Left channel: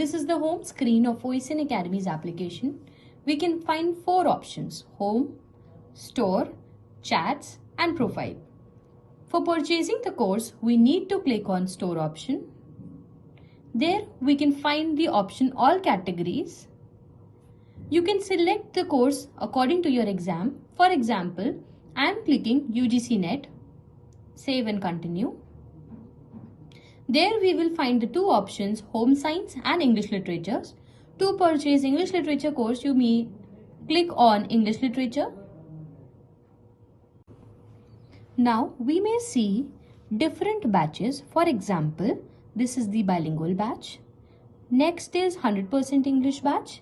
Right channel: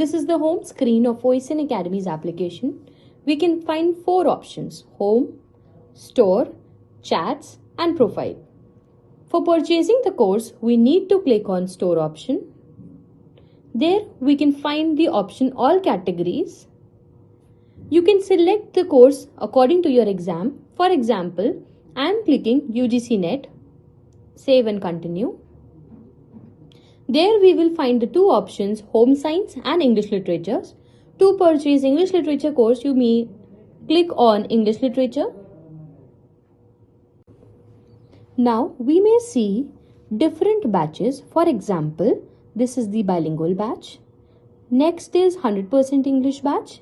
This is the home screen of OSN Academy's application. We can find 4 options: Home, Store, Chats and Profile. For purchasing the course, we need to click on Store option. There we can find the option All Categories. You can select the course according to your exam. For example, I am clicking UGC NET. Save and continue. There we will find the 2 options, Home Science and English Literature. To purchase English Literature course, you may click on English Literature. Now we may see different batches. For example, this is the bilingual batch. Next is 100% English batch.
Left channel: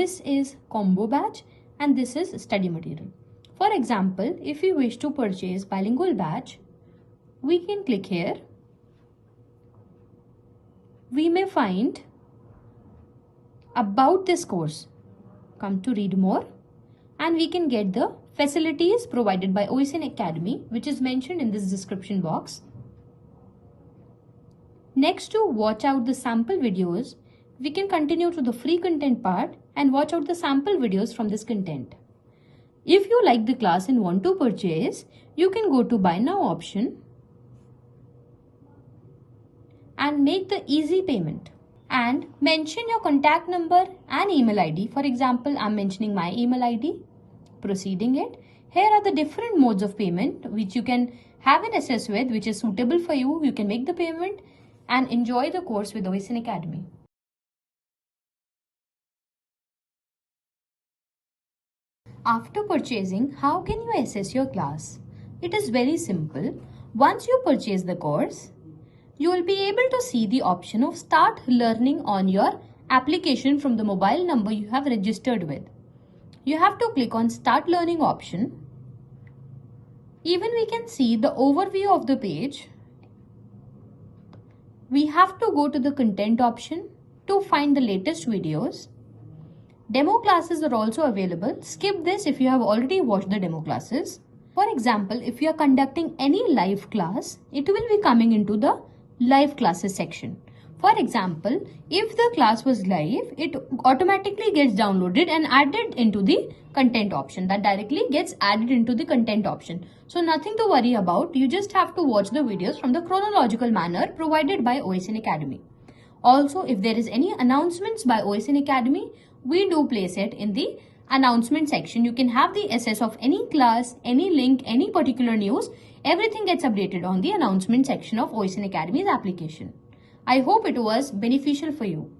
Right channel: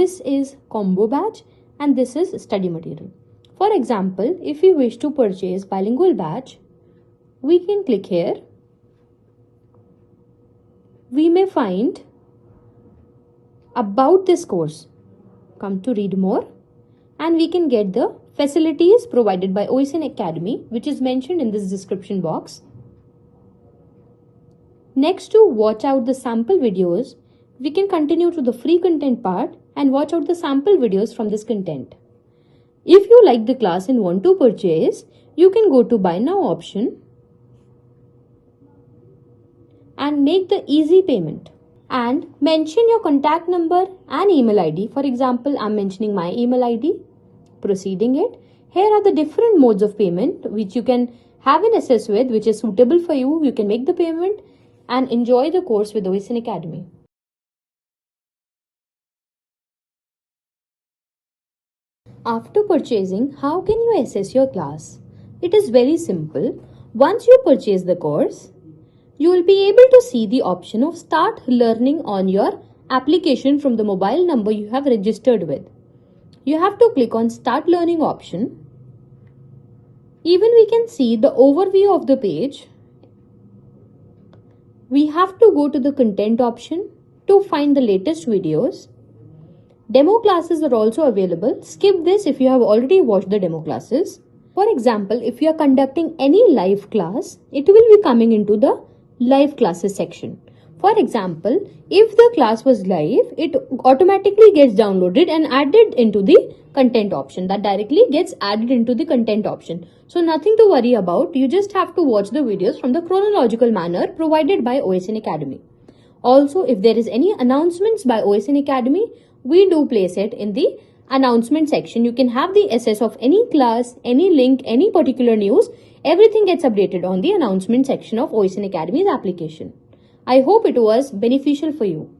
This is combo batch and this is study material. For example, if you wish to purchase bilingual batch, we can click here. We may find about this course. Come to read more and we can get the facilities provided by OSN Academy, which is mentioned in this description box. Next, to watch out the sample videos, we can continue to the free content part and watch out the sample videos from this content. If you like the class and want to purchase, you can go to Buy Now option and make the easy payment and mention your contact number and email ID. For example, I'm mentioning my email ID, proceeding it. Here are the different modes of payment which you can have an access with, which is suitable for you. You can make the payment and enjoy the course with OSN Academy. After purchasing, how can you assess your class? It is very simple. Once you purchase the course, you will be able to see the option of Start Learning on your application from the mobile number you have registered with. You have to click on Start Learning option. Even we can see the overview of the page. We have to go to the content option to find the latest videos. Demo classes are also available. Skip this if you have already watched the demo classes. For example, if you are conducting any live class, it will be coming into the live classes section. For example, if the class was live, it automatically gets downloaded and added into the content option. That directly gets added into the content option. So nothing to worry about. You just have to watch the videos from the chronological manner provided by OSN Academy. Also, if there is any announcements by OSN Academy, we do place it in the announcement section. You can have the access of any class, any link, any particular news. Everything gets updated on the announcement section of OSN Academy's application. I hope it was beneficial for you.